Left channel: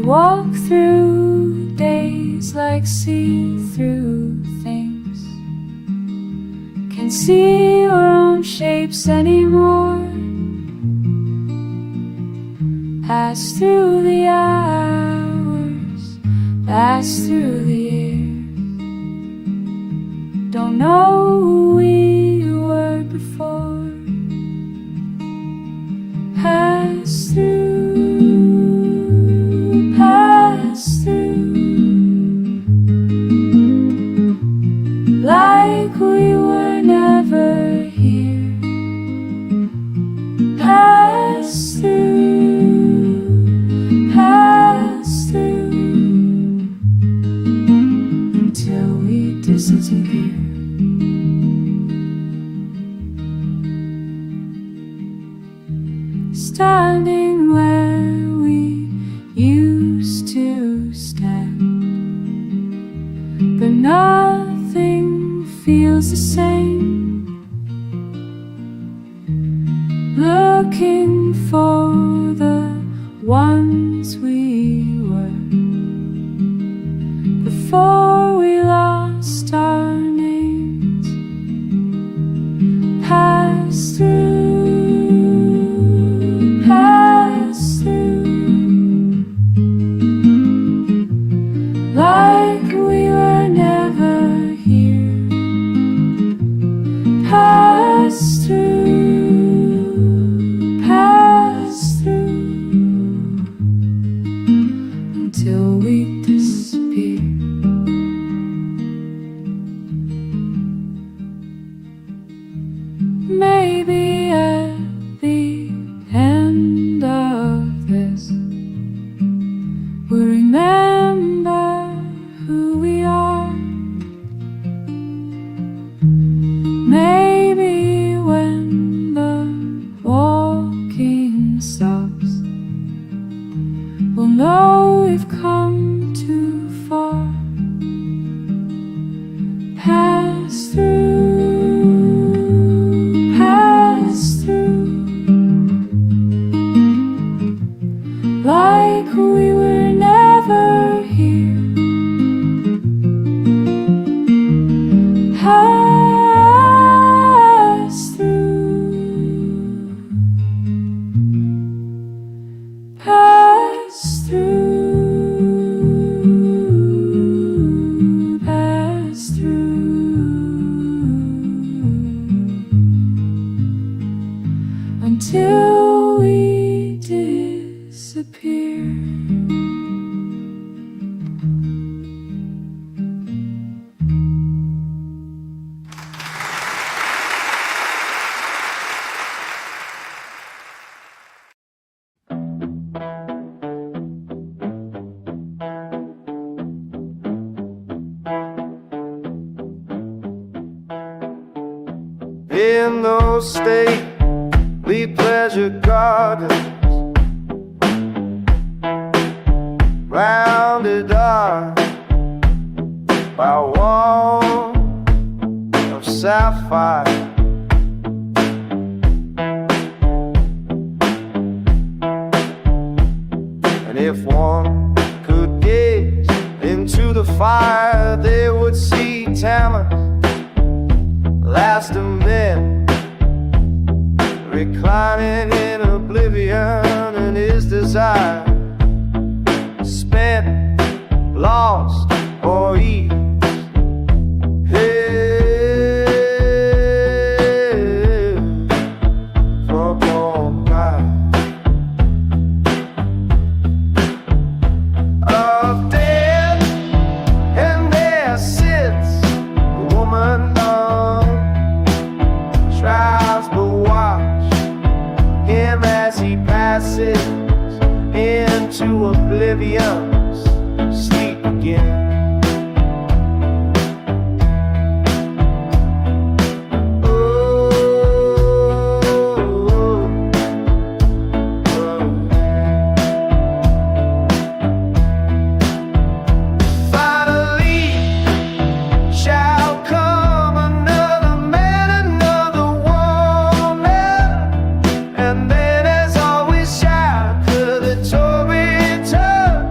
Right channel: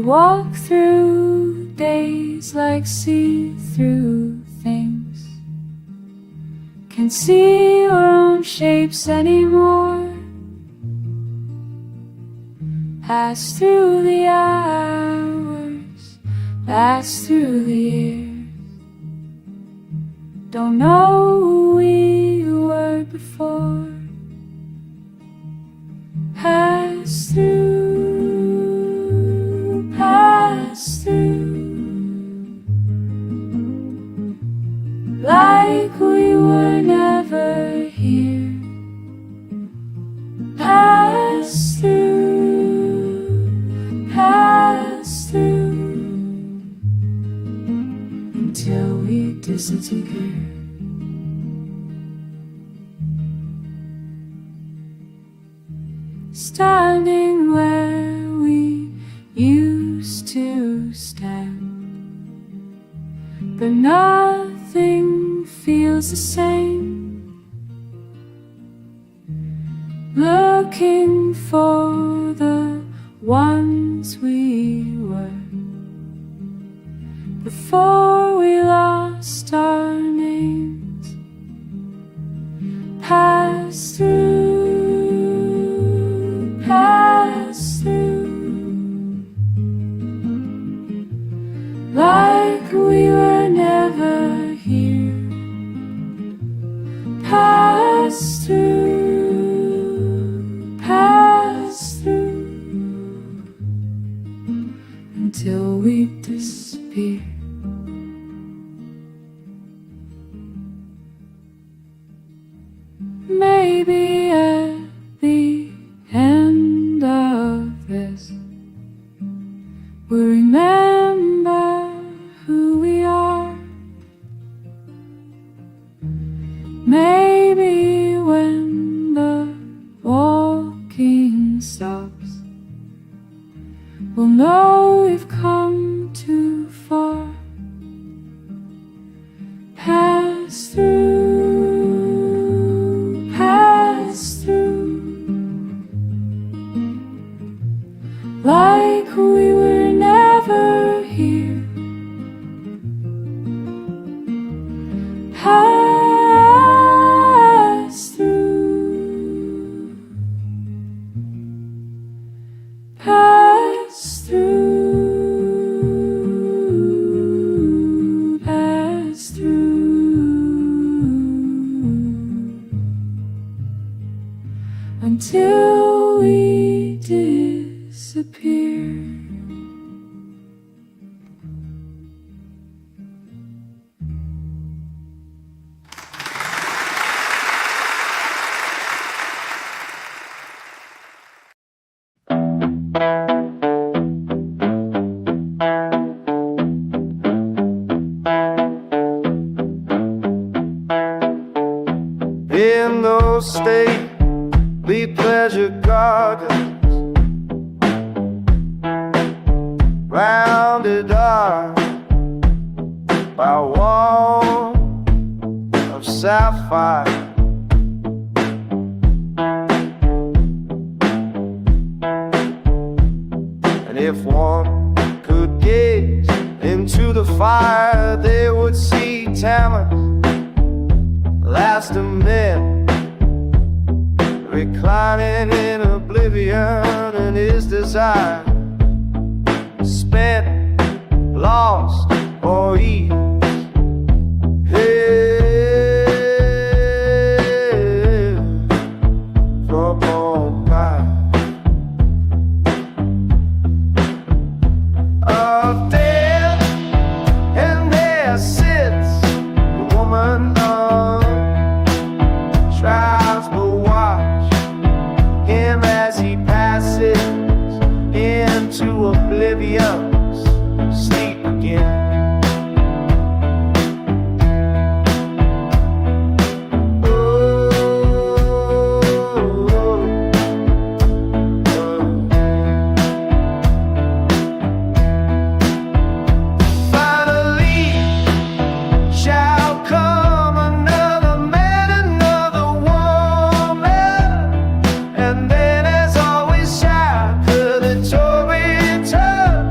walk through days like see-through things. Can't see your own shapes anymore. Pass through the hours, pass through the years. Don't know who we were before. Pass through, pass through, like we were never here. Pass through, pass through, until we disappear. Standing where we used to stand, but nothing feels the same. Looking for the ones we were before we lost our names. Pass through, pass through, like we were never here. Pass through, pass through, until we disappear. Maybe at the end of this, we'll remember who we are. Maybe when the walking stops, we'll know we've come too far. Pass through, pass through, like we were never here. Pass through, pass through, pass through, until we disappear. In those stately pleasure gardens, rounded up by a wall of sapphire, and if one could gaze into the fire, they would see Tammuz, last of men, reclining in oblivion, and his desire spent, lost, or eased. From on high of death, and there sits a woman tries to watch him as he passes into oblivion, sleep again. Finally shall come another man, another woman, and then as always shall the Torah return.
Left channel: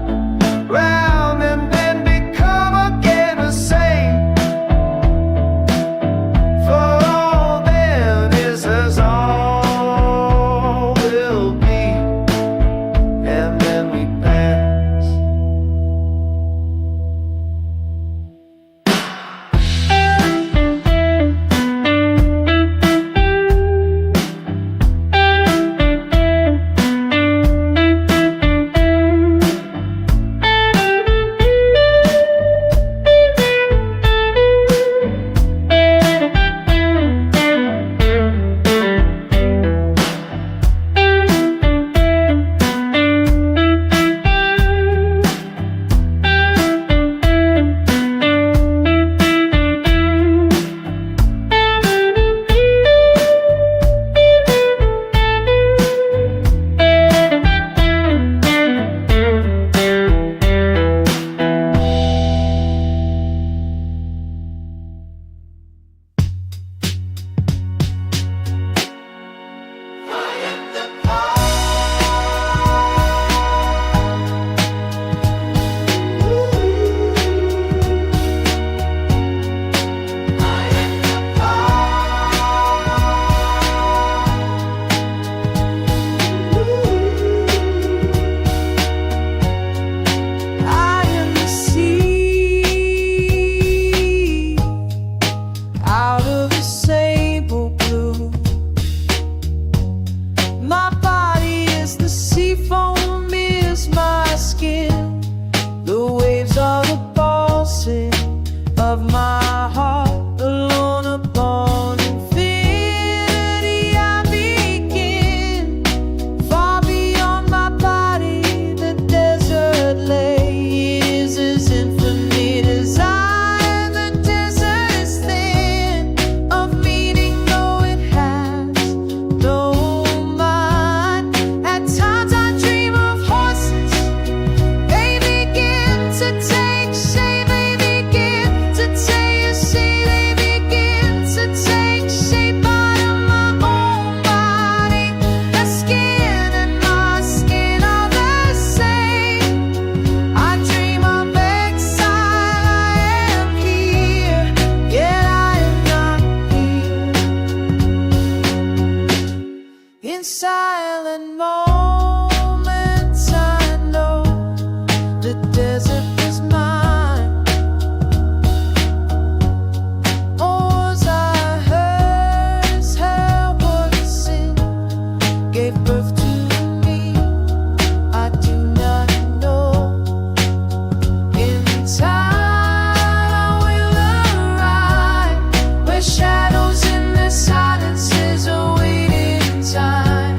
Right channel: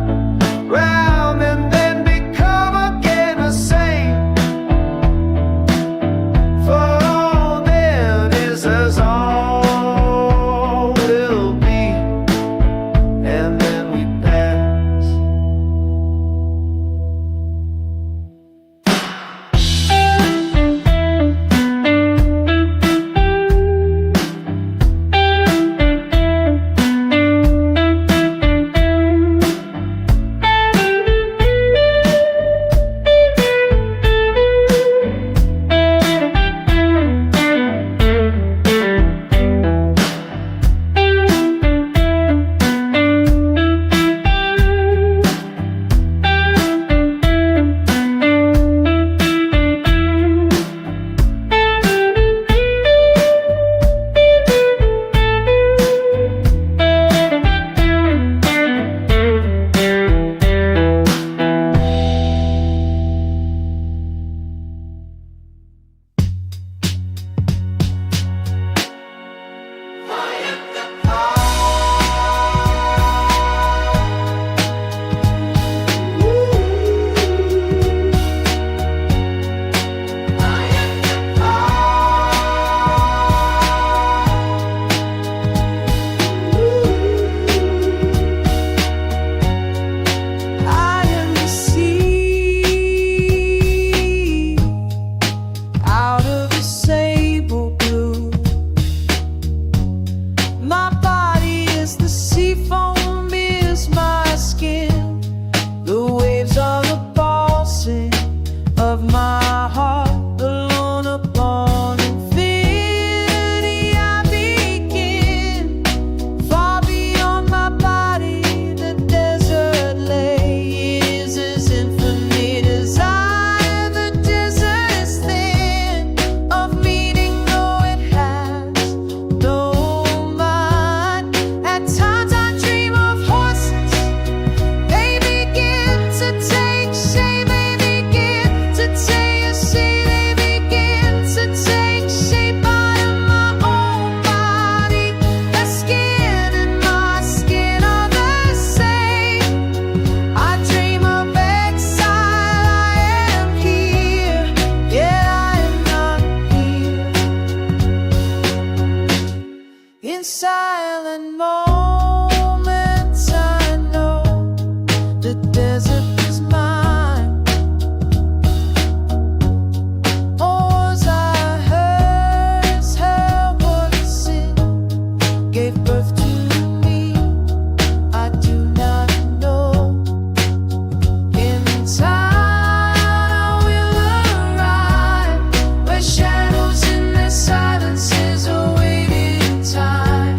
of my heart, alone upon infinity I begin. Far beyond my body, the desert lay. It is as infinite as I. The desert is thin of meaning, though it has no mind. At times I dream of horses. They begin to take shape. They begin to taste. They begin to take shape out of my own body. The skin and my skin are the same. I dream of exile. I am here, yet I am not here. In silent moments I know the desert is mine. Oars are hers, helpless sin gave birth to me. I do not know. In time I will arrive where shadows in their silences await in time.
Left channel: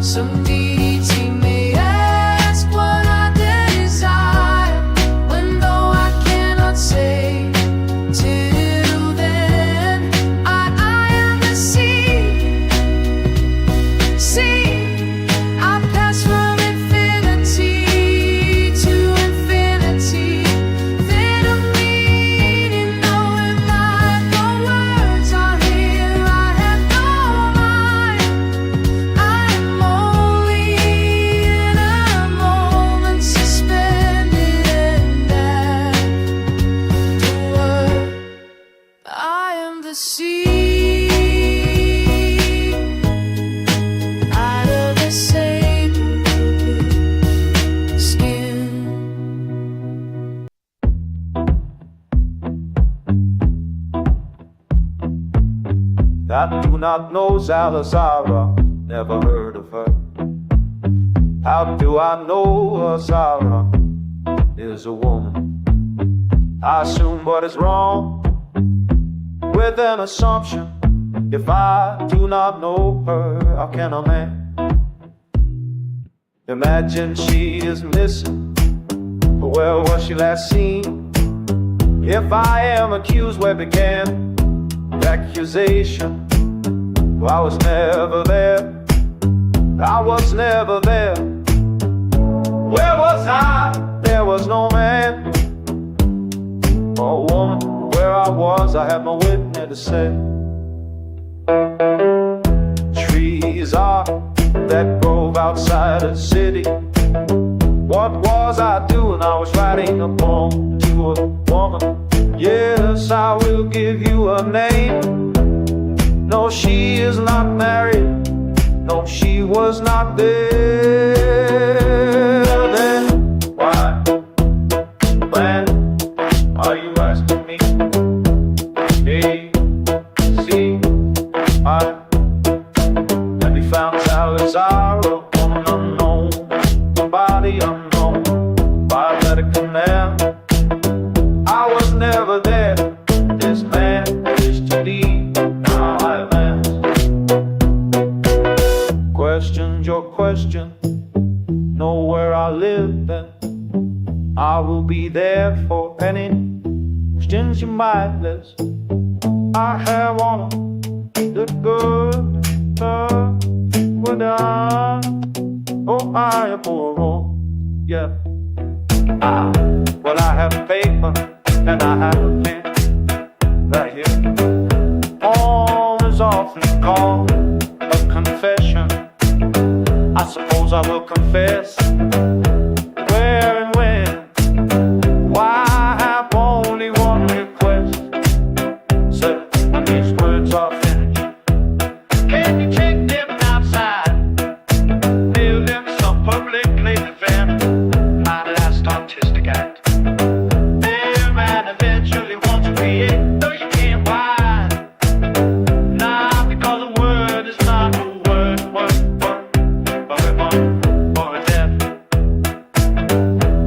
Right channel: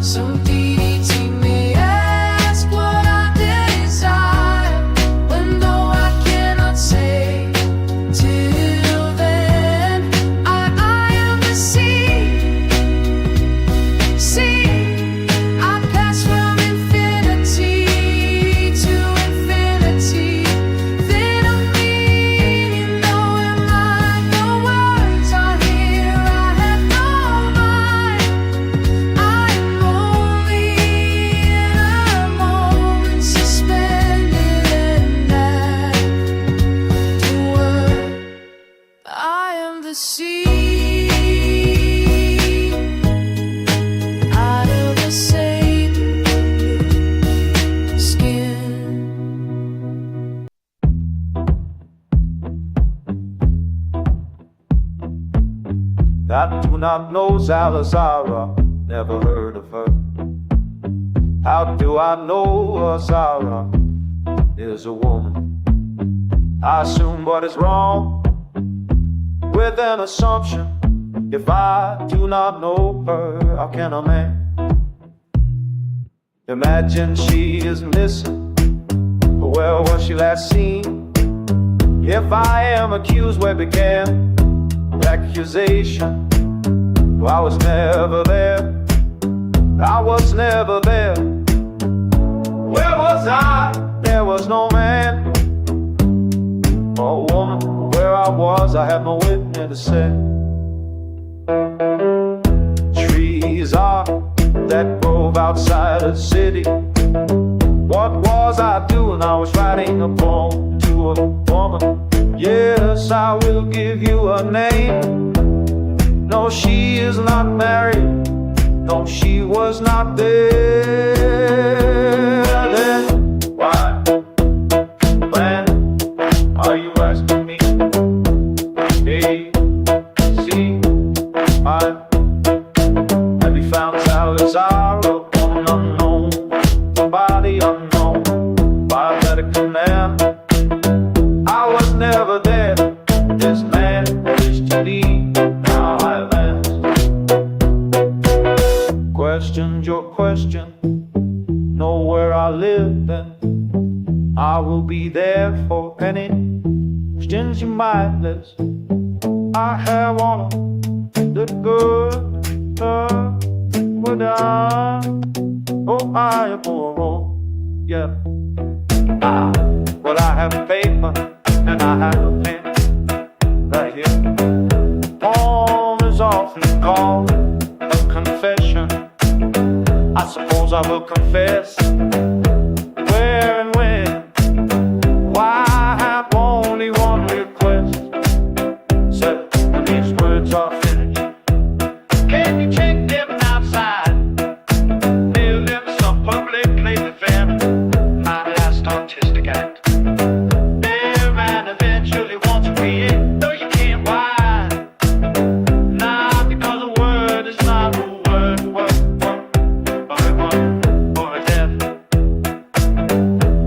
Some deity may ask what I desire, when though I cannot say. Till then, I am the sea. I pass from infinity to infinity. Then of meaning, though in mind the words are here, I have no mind. I am only in a moment, suspended and at the word. I am the sea, out of the sacred skin. I do not know Zalazara, never heard of her. How do I know Zara is a woman? I assume what is wrong with an assumption. If I do not know her, how can a man imagine she is missing? Where was she last seen? If I am accused, where began the accusation? Well, I was never there. I was never there. Where was I? There was no man or woman. Where I was, I have no witness to say. Trees are that grove outside of the city. What was I doing? I was writing a poem to a woman. Yes, I will give you a name. No, she is not married. No, she was not there then. Why? When are you asking me? A, C, I. Have you found Salazar upon an unknown body, unknown by better command? I was never there. This man wished to leave. Now I land. Questioned your question. Know where I live, then I will be there for any questions you might list. I have on the good without. Oh, I am for yeah. Well, I have paper and I have a pen right here. Poem is often called a confession. I suppose I will confess where and when. Why I have only one request. Said when these words are finished, can you check them outside? Mail them some publicly defend my last artistic act. There man eventually wants to create, though you can't why. Nah, because a word is not a word, or a one, or a death.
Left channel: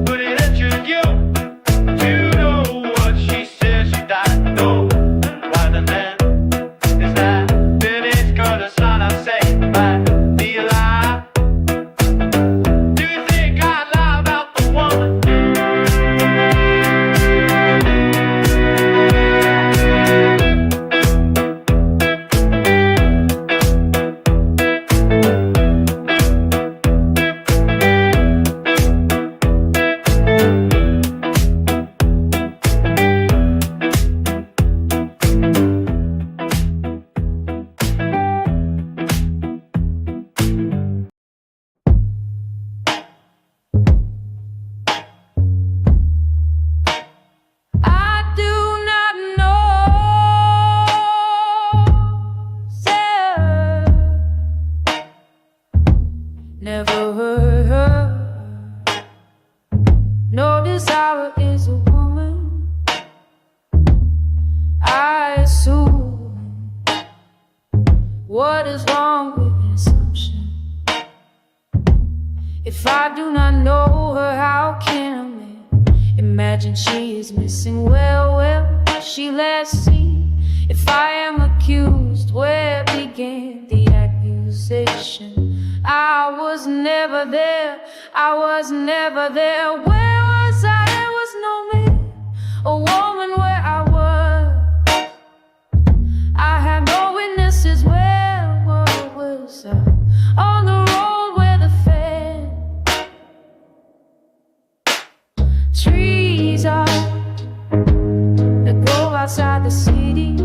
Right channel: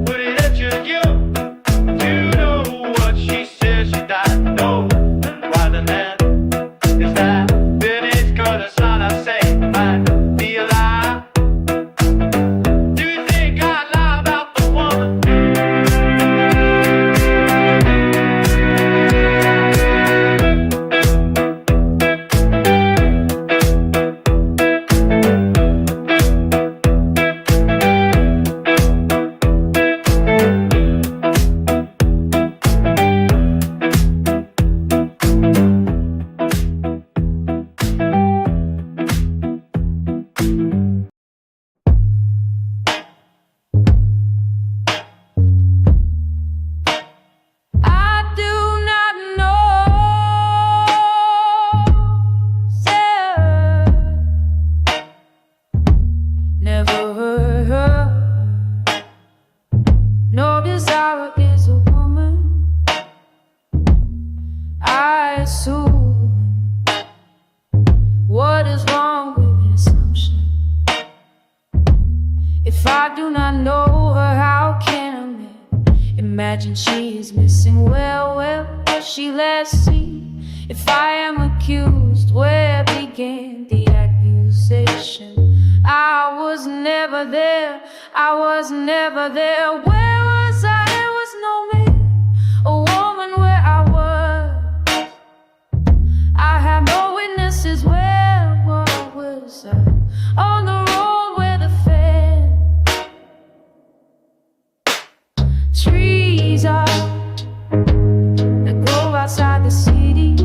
But it injured you, you know what she said, she died. assume. What is wrong with the assumption? If I do not know her, how can a man imagine she is missing? Well, was she last seen? If I am accused, where began the accusation? I was never there, I was never there. Where was I? There was no man, a woman where I was. I have no witnesses. Where was I? On the road where the fan trees are that grow outside the city.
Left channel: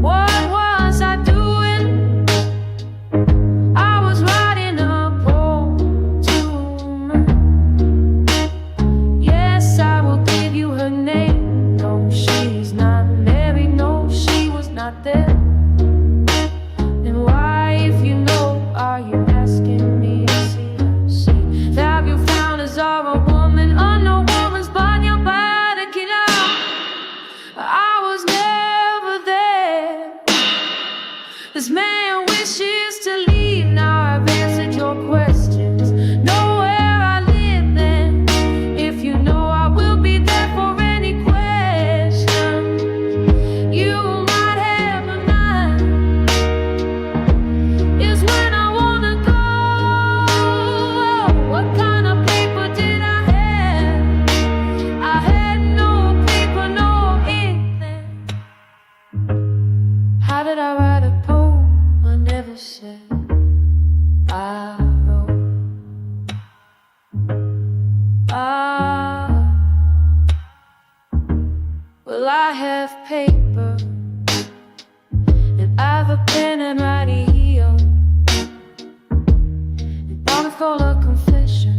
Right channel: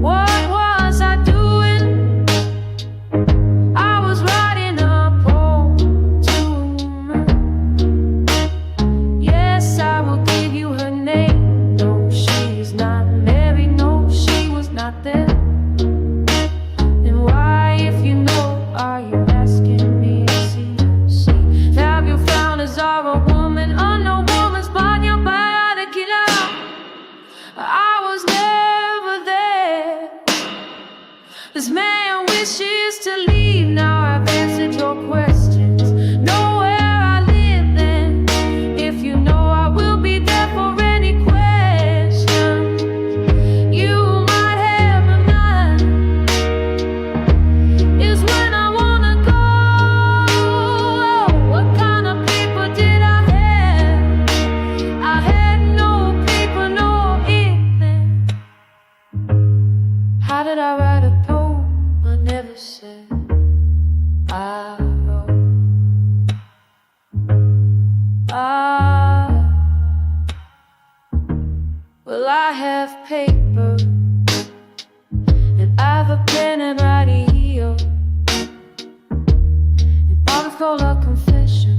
What was I doing? I was writing a poem to a woman. Yes, I will give you her name. No, she's not married. No, she was not there. And why, if you know, are you asking me? See, have you found a Zara woman on no woman's body? You're bad to get out. I was never there. This man wishes to leave. Now I've answered your questions. Know where I live then. If you know, I will be there for any question you might have or not. Is when I wanna go. What kind of paper did I have? I had no paper, no ink then. How did I write a poem? I never said I wrote. Well, I have paper and I've a pen and writing here. And Bob's called a confession.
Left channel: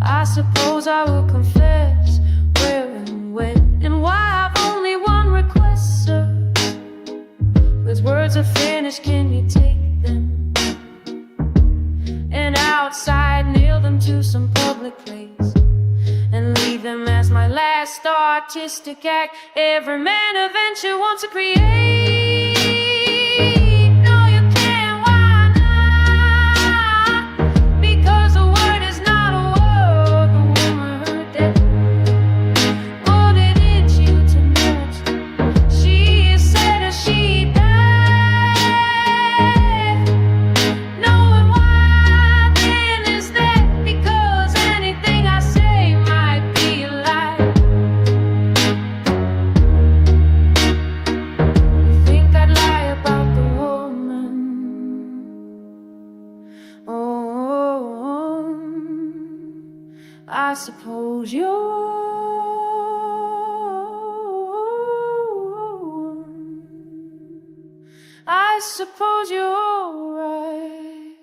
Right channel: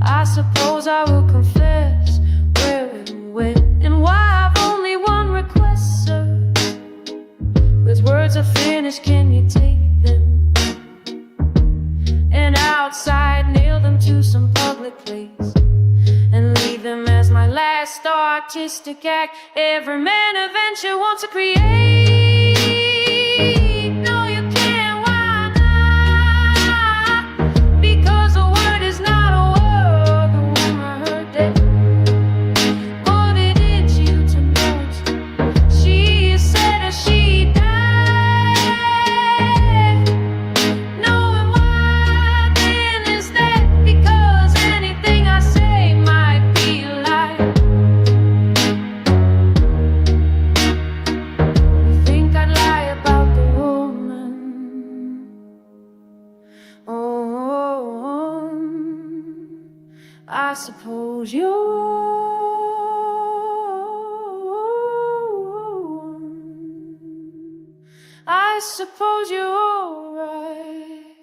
I suppose I will confess where and when and why. I've only one request, sir. With words are finished, can you take them? And outside, nail them to some public place and leave them as my last artistic act. Every man adventure wants to create. No, you can't, why not? Because a word is not a word. The woman heard that, put it into you to know. She said as she died. About the woman. Oh, I suppose you're I suppose you're right.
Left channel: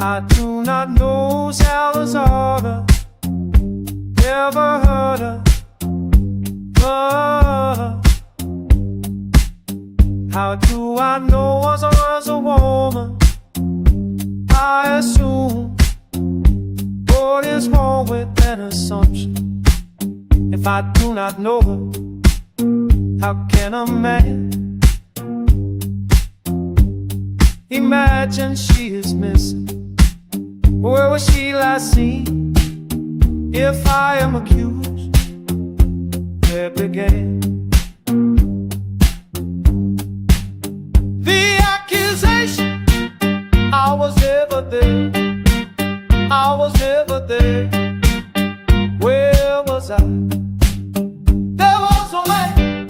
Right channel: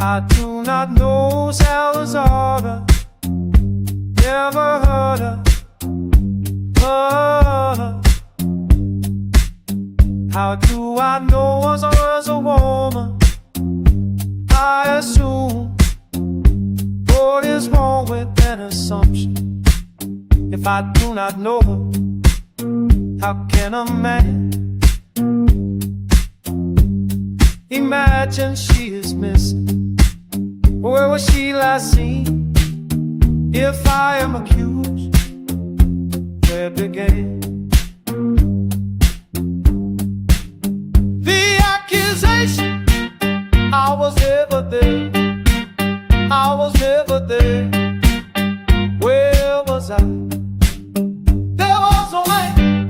I do not know Salazar, never heard her, but how do I know was a woman? I assume. What is wrong with an assumption? If I do not know her, how can a man imagine she is missing? Where was she last seen? If I am accused, where began the accusation? I was never there, I was never there. Where was I? There was no man,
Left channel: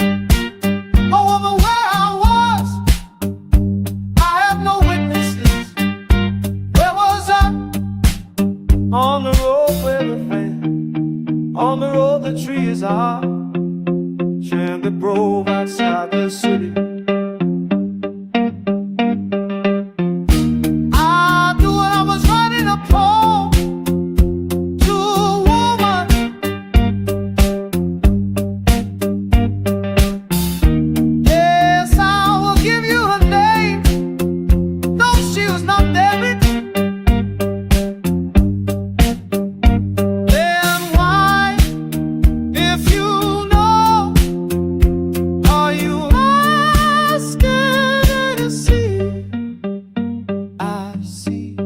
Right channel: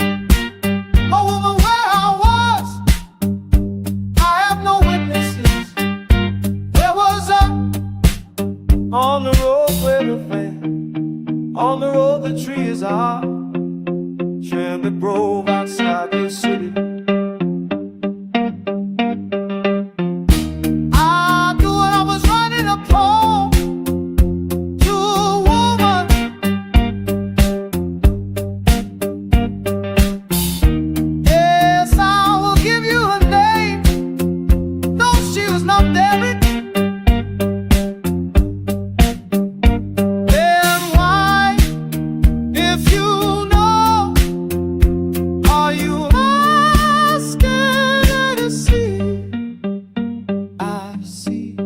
a woman where I was. I have no witnesses. Where was I? On the road where the fan, on the road the trees are, Chandler Grove outside the city. I knew I was writing a poem see.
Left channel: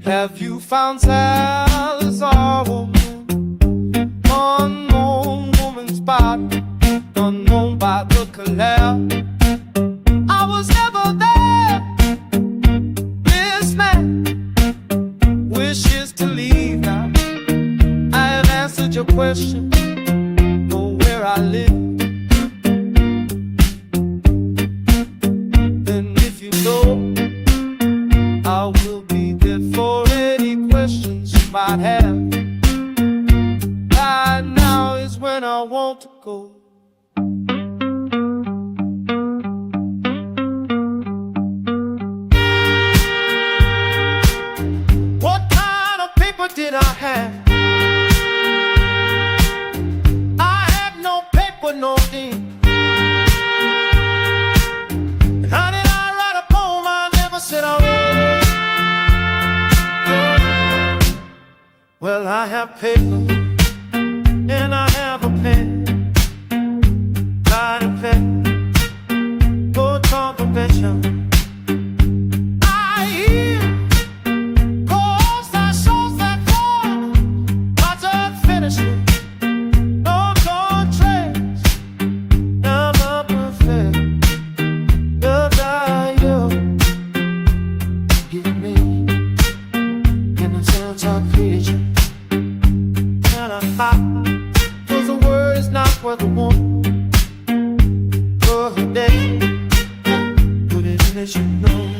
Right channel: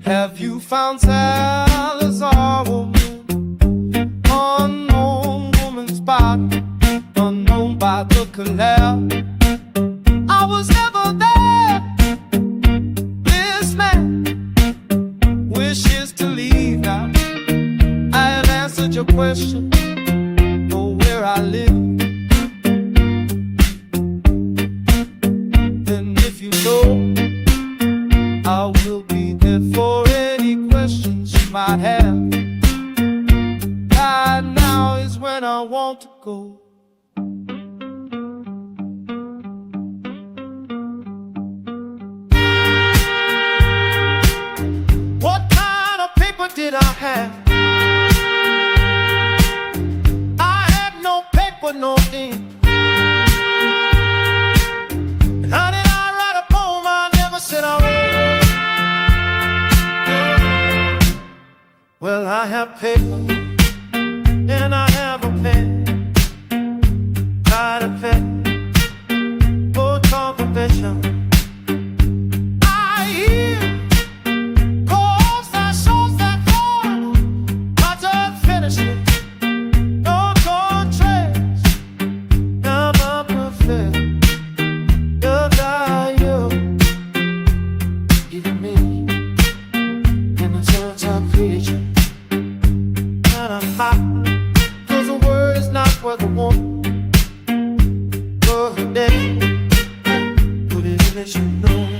Have you found Salazar woman? Unknown woman's body, unknown by the canal. I was never there. This man wishes to leave now. I have answered your question, know where I live. And if you know, I will be there for any questions you might have. Right now is when I want to go. What kind of paper did I have? I had no paper, no ink. And how did I write a poem I never said I would? Well, I have paper and I have a pen. Got a pen for confirmation. I hear calls that shows that far. I just finished it. No contrast. Now I'm perfect. The value give me in a gentle creature. And I cause the word is not what the woman. For the day, but it should know.